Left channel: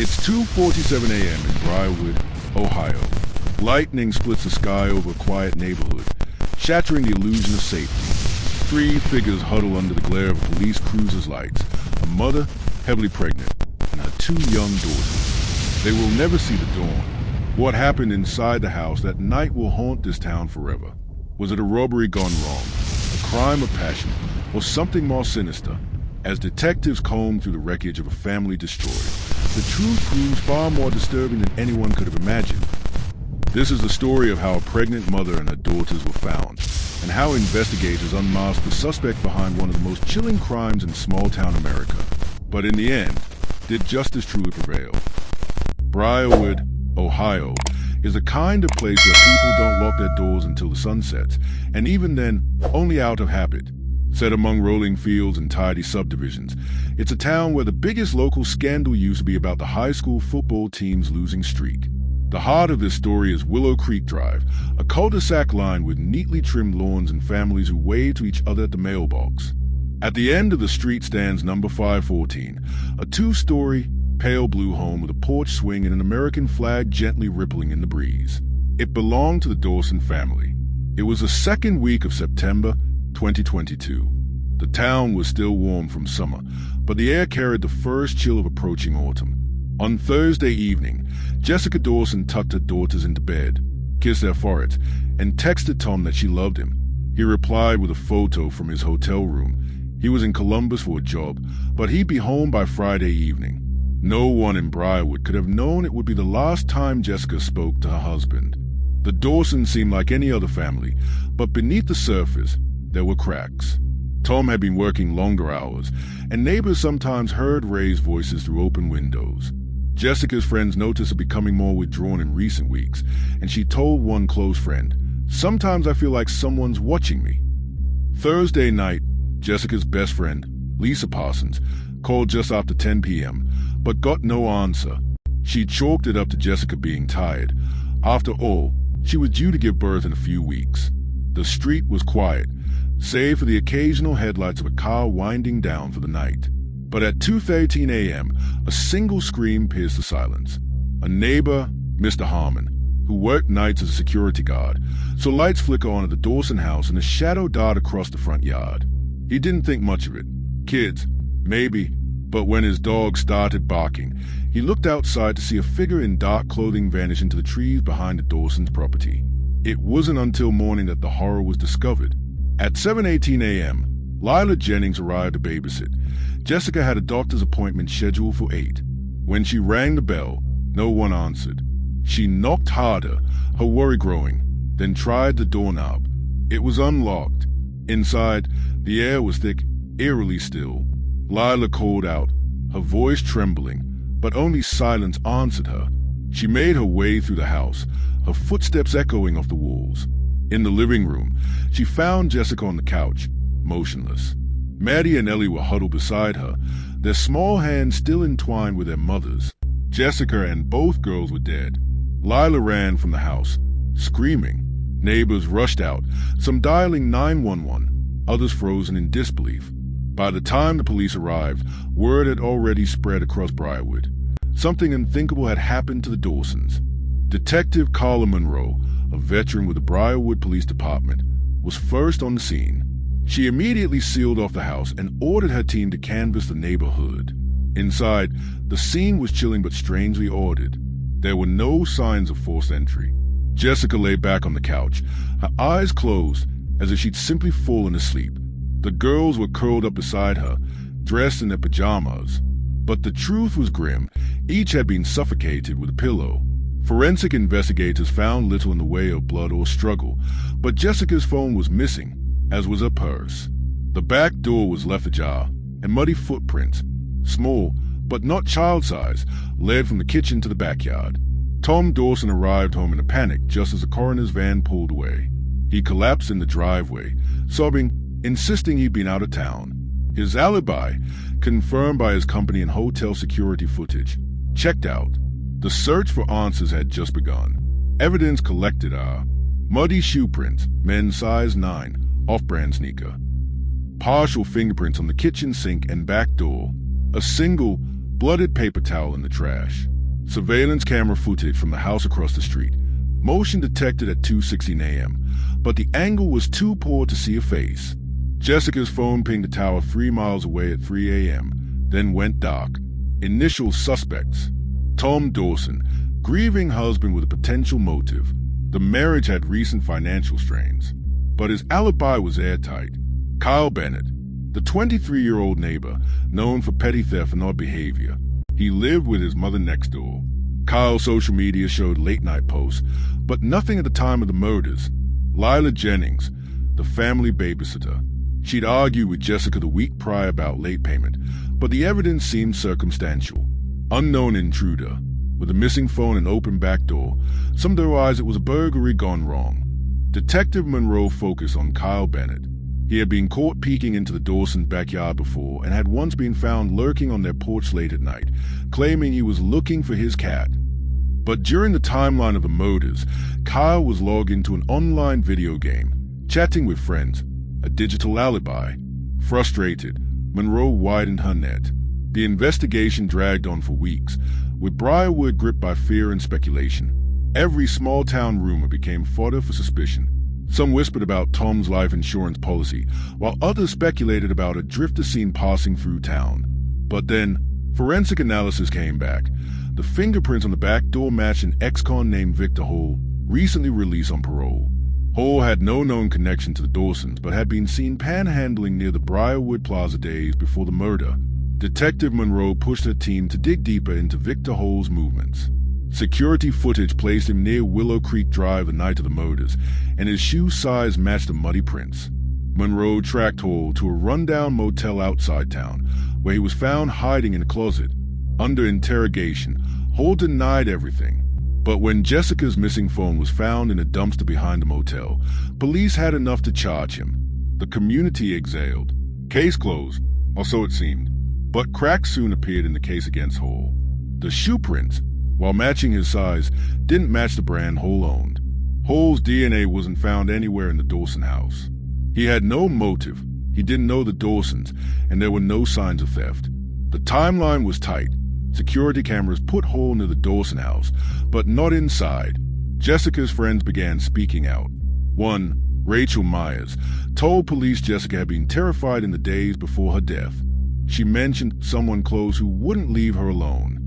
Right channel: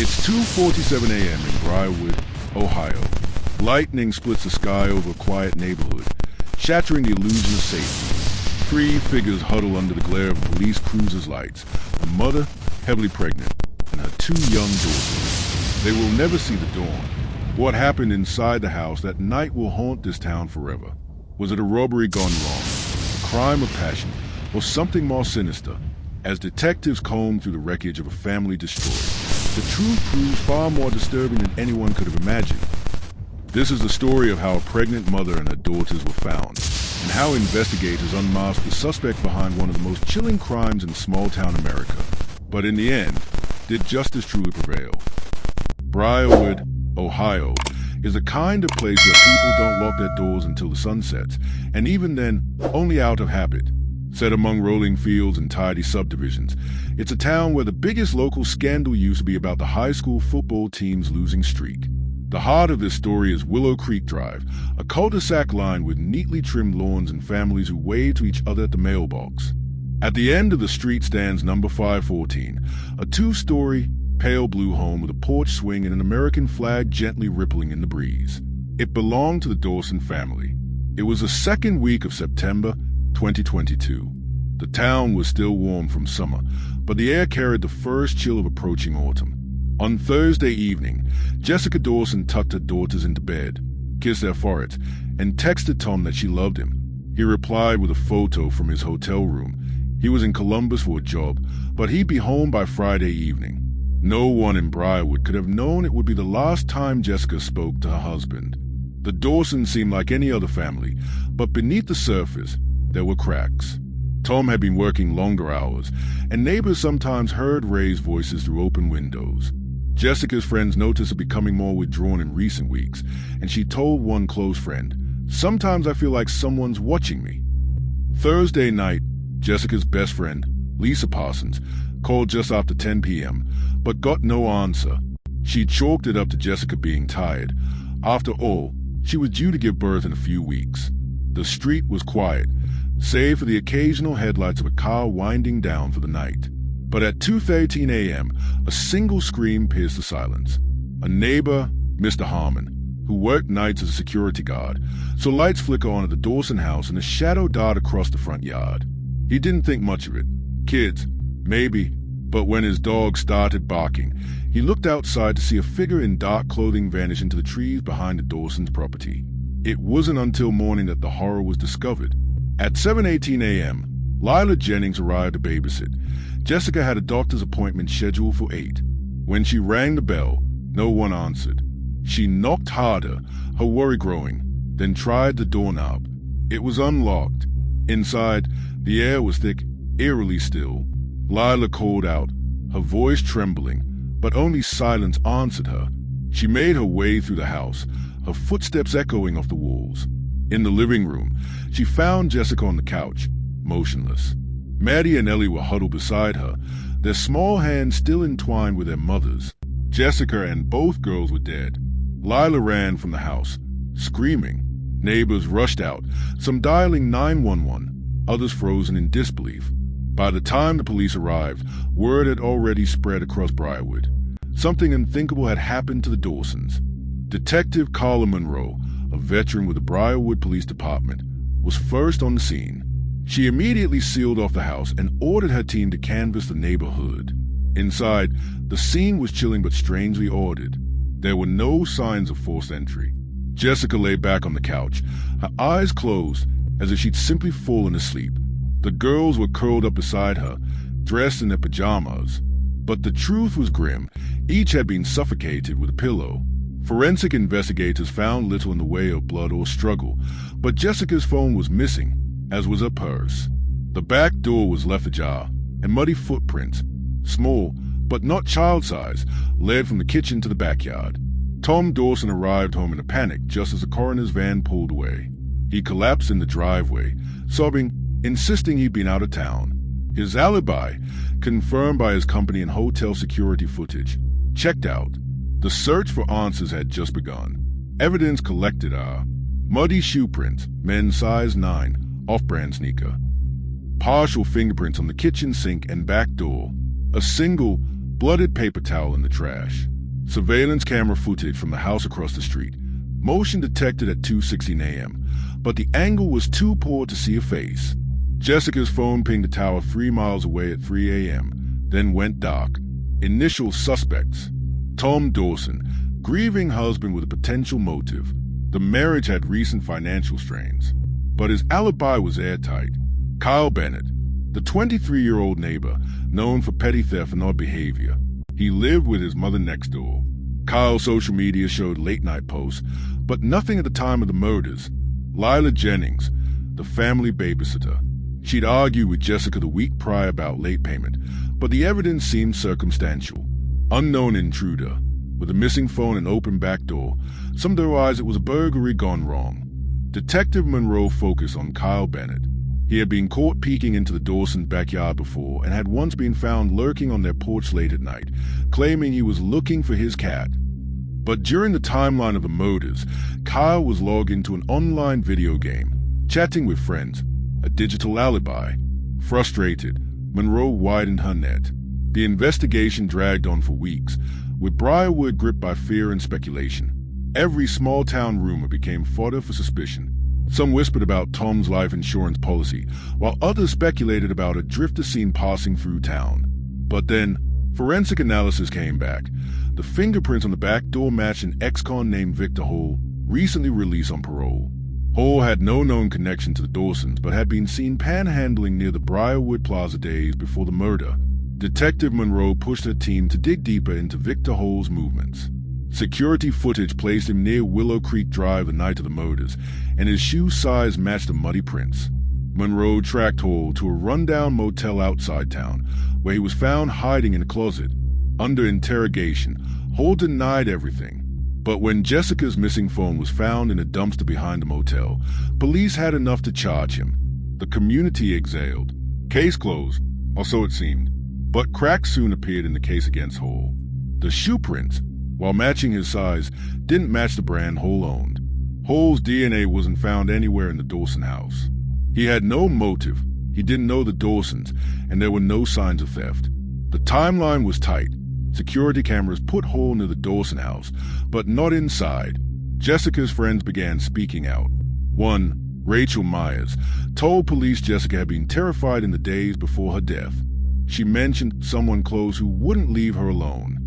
It's 2:47 a.m. in Briarwood, Ohio. Lightning splits the sky over a quiet neighborhood, shattering the illusion of safety. Three figures huddle under the glare of a police cruiser's lights, a mother, heavily pregnant, and her two young daughters. They will never see the dawn. What happened inside the house that night will haunt this town forever. Was it a robbery gone wrong, a crime of passion, or something more sinister? As detectives comb through the wreckage of a family destroyed, the truth proves far more disturbing than anyone could have imagined. This is the story of how a pregnant mother and her daughters were found, and how investigators unmasked the suspect behind one of the most chilling crimes in small-town America. But in the end, did justice truly prevail? Briarwood, Ohio, is a kind of place where people don't lock their doors until the sun sets, and even then, only out of habit. Set among rolling fields and tidy subdivisions, it's a town where the biggest local scandal used to be about the high school football team's losing streak. The heart of this story is Willow Creek Drive, a cul-de-sac lined with neatly trimmed lawns and families who wave to each other at the mailbox. At the end of the street stands number 514, a two-story, pale blue home with a porch swing and an American flag gently rippling in the breeze. It belonged to the Dawson family. It was the second week of September 2022. The town was still warm from summer, but the air carried the first chill of approaching autumn. On Thursday evening, Jessica Dawson tucked her daughters into bed, kissed their foreheads, and texted Tom that she loved him. He replied with a photo from his hotel room. He was in Columbus for a job, but he'd be home by Friday evening. No one in Briarwood could have known it would be the last time Jessica spoke to her husband. The Dawsons seemed like any other family, but beneath the surface, there were cracks. Tom had been working longer hours, and neighbors sometimes heard Ray's voices through open windows. Jessica's friends noticed her becoming more withdrawn in recent weeks, and she told one close friend, "Sometimes I feel like someone's watching me." Thursday night, Jessica's best friend, Lisa Parsons, called just after 10 p.m., but got no answer. She chalked it up to Jessica being tired. After all, she was due to give birth in a few weeks. The street was quiet, save for the occasional headlights of a car winding down for the night. But at 2:13 a.m., a single scream pierced the silence. A neighbor, Mr. Harmon, who worked nights as a security guard, saw lights flicker on at the Dawson house and a shadow dart across the front yard. He didn't think much of it. Kids, maybe. But when his dog started barking, he looked outside to see a figure in dark clothing vanish into the trees behind the Dawson's property. It wasn't until morning that the horror was discovered. At 7:18 a.m., Lila Jennings arrived to babysit. Jessica had a doctor's appointment scheduled for 8. When she rang the bell, no one answered. She knocked harder, her worry growing, then tried the doorknob. It was unlocked. Inside, the air was thick, eerily still. Lila called out, her voice trembling, but only silence answered her. She made her way through the house, her footsteps echoing off the walls. In the living room, she found Jessica on the couch, motionless. Maddie and Ellie were huddled beside her, their small hands still entwined with their mothers. Jessica and both girls were dead. Lila ran from the house, screaming. Neighbors rushed out, some dialing 911, others frozen in disbelief. By the time the police arrived, word had already spread across Briarwood. Something unthinkable had happened to the Dawsons. Detective Carla Monroe, a veteran with the Briarwood Police Department, was first on the scene. She immediately sealed off the house and ordered her team to canvass the neighborhood. Inside, the scene was chilling but strangely ordered. There were no signs of forced entry. Jessica lay back on the couch, her eyes closed as if she'd simply fallen asleep. The girls were curled up beside her, dressed in their pajamas. But the truth was grim. Each had been suffocated with a pillow. Forensic investigators found little in the way of blood or struggle, but Jessica's phone was missing, as was her purse. The back door was left ajar, and muddy footprints, small but not child-size, led from the kitchen to the backyard. Tom Dawson arrived home in a panic just as the coroner's van pulled away. He collapsed in the driveway, sobbing, insisting he'd been out of town. His alibi, confirmed by his company and hotel security footage, checked out. The search for answers had just begun. Evidence collected are muddy shoe prints, men's size 9, off-brand sneaker. Partial fingerprints on the kitchen sink and back door. A single, blooded paper towel in the trash. Surveillance camera footage from the house across the street. Motion detected at 2:16 a.m., but the angle was too poor to see a face. Jessica's phone pinged a tower 3 miles away at 3 a.m., then went dark. Initial suspects: Tom Dawson, grieving husband with a potential motive. The marriage had recent financial strains, but his alibi was airtight. Kyle Bennett, the 23-year-old neighbor, known for petty theft and odd behavior. He lived with his mother next door. Kyle's social media showed late-night posts, but nothing at the time of the murders. Lila Jennings, the family babysitter. She'd argued with Jessica the week prior about late payment, but the evidence seemed circumstantial. Unknown intruder. With a missing phone and open back door, some theorized it was a burglary gone wrong. Detective Monroe focused on Kyle Bennett. He had been caught peeking into the Dawson's backyard before and had once been found lurking on their porch late at night, claiming he was looking for his cat. But during the timeline of the murders, Kyle was logged into an online video game, chatting with friends, a digital alibi. Frustrated, Monroe widened her net. The investigation dragged on for weeks, with Briarwood gripped by fear and speculation. Every small-town rumor became fodder for suspicion. Some whispered about Tom's life insurance policy, while others speculated about a drifter seen passing through town. But then, forensic analysis came back. The fingerprints on the back door matched an ex-con named Victor Hall, recently released on parole. Hall had no known connection to the Dawsons, but had been seen panhandling near the Briarwood Plaza days before the murder. Detective Monroe pushed her team to dig deeper into Victor Hall's movements. Security footage placed him near Willow Creek Drive the night of the murders, and his shoe size matched the muddy prints. Monroe tracked Hall to a rundown motel outside town, where he was found hiding in a closet. Under interrogation, Hall denied everything. But when Jessica's missing phone was found in a dumpster behind the motel, police had enough to charge him. The community exhaled. Case closed, or so it seemed. But cracks soon appeared in the case against Hall. The shoe prints, while matching his size, didn't match the brand Hall owned. Hall's DNA wasn't found anywhere in the Dawson house. He had no motive, he didn't know the Dawsons, and there were no signs of theft. The timeline was tight. Security cameras put Hall near the Dawson house, but not inside. Jessica's friends began speaking out. One, Rachel Myers, told police Jessica had been terrified in the days before her death. She mentioned someone close who wouldn't leave her alone.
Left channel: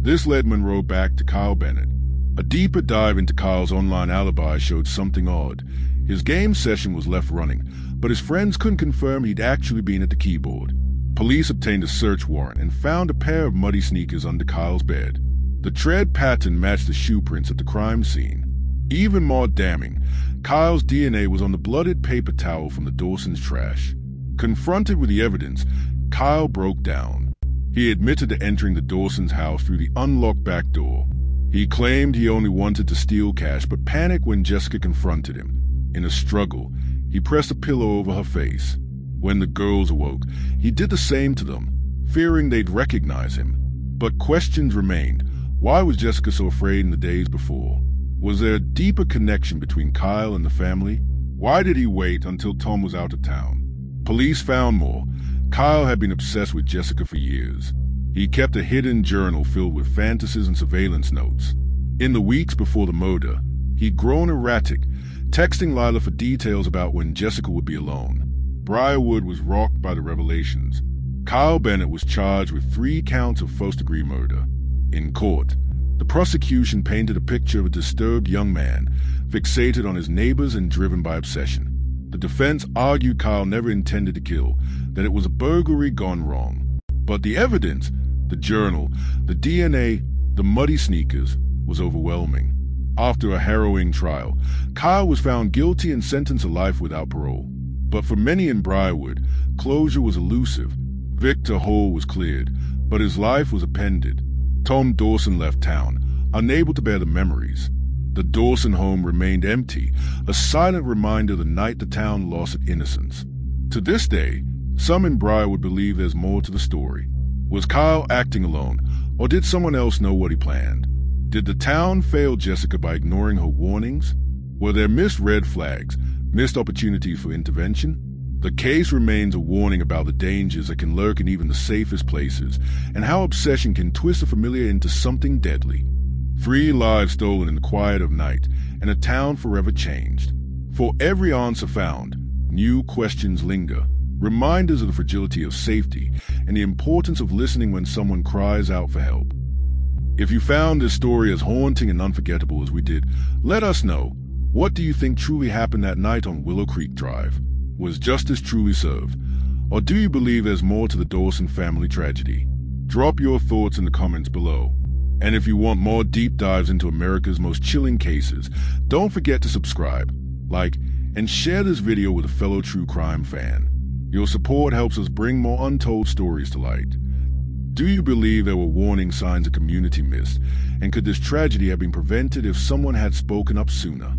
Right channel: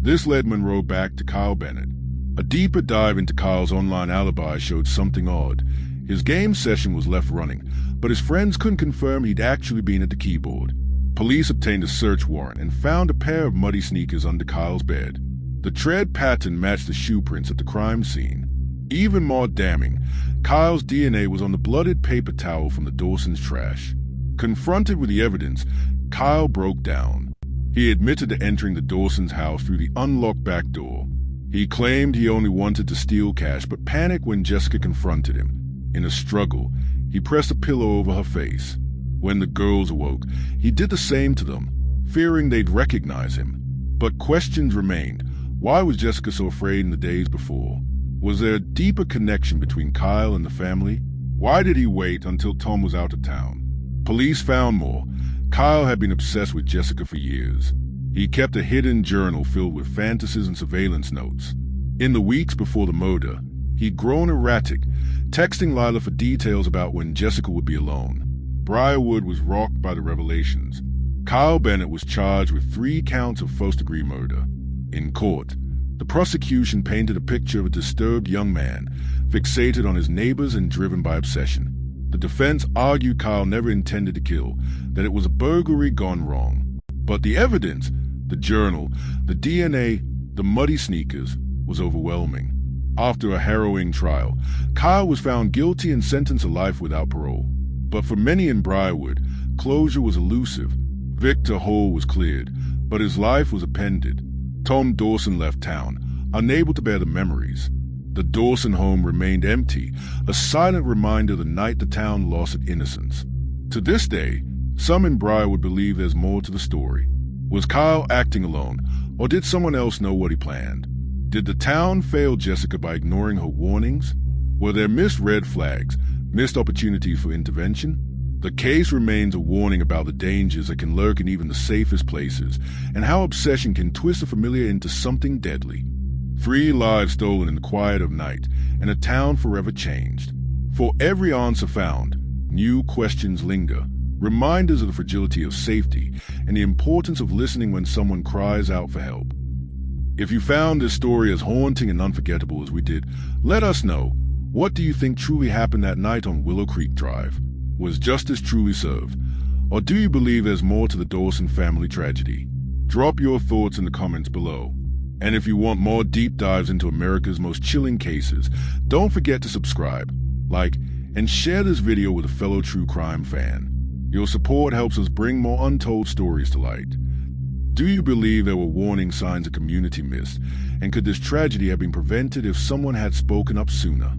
This led Monroe back to Kyle Bennett. A deeper dive into Kyle's online alibi showed something odd. His game session was left running, but his friends couldn't confirm he'd actually been at the keyboard. Police obtained a search warrant and found a pair of muddy sneakers under Kyle's bed. The tread pattern matched the shoe prints at the crime scene. Even more damning, Kyle's DNA was on the blooded paper towel from the Dawson's trash. Confronted with the evidence, Kyle broke down. He admitted to entering the Dawson's house through the unlocked back door. He claimed he only wanted to steal cash, but panicked when Jessica confronted him. In a struggle, he pressed a pillow over her face. When the girls awoke, he did the same to them, fearing they'd recognize him. But questions remained. Why was Jessica so afraid in the days before? Was there a deeper connection between Kyle and the family? Why did he wait until Tom was out of town? Police found more. Kyle had been obsessed with Jessica for years. He kept a hidden journal filled with fantasies and surveillance notes. In the weeks before the murder, he'd grown erratic, texting Lila for details about when Jessica would be alone. Briarwood was rocked by the revelations. Kyle Bennett was charged with 3 counts of first-degree murder. In court, the prosecution painted a picture of a disturbed young man, fixated on his neighbors and driven by obsession. The defense argued Kyle never intended to kill, that it was a burglary gone wrong. But the evidence, the journal, the DNA, the muddy sneakers, was overwhelming. After a harrowing trial, Kyle was found guilty and sentenced to life without parole. But for many in Briarwood, closure was elusive. Victor Hall was cleared, but his life was appended. Tom Dawson left town, unable to bear the memories. The Dawson home remained empty, a silent reminder of the night the town lost its innocence. To this day, some in Briarwood believe there's more to the story. Was Kyle acting alone, or did someone else know what he planned? Did the town fail Jessica by ignoring her warnings? Were there missed red flags, missed opportunities for intervention? The case remains a warning about the dangers that can lurk in even the safest places, and how obsession can twist the familiar into something deadly. 3 lives stolen in the quiet of night, and a town forever changed. For every answer found, new questions linger, reminders of the fragility of safety and the importance of listening when someone cries out for help. If you found this story as haunting and unforgettable as we did, let us know. What do you think truly happened that night on Willow Creek Drive? Was justice truly served? Or do you believe there's more to the Dawson family tragedy? Drop your thoughts in the comments below. And if you want more deep dives into America's most chilling cases, don't forget to subscribe, like, and share this video with a fellow true crime fan. Your support helps us bring more untold stories to light. Do you believe there were warning signs the community missed? And could this tragedy have been prevented if someone had spoken up sooner?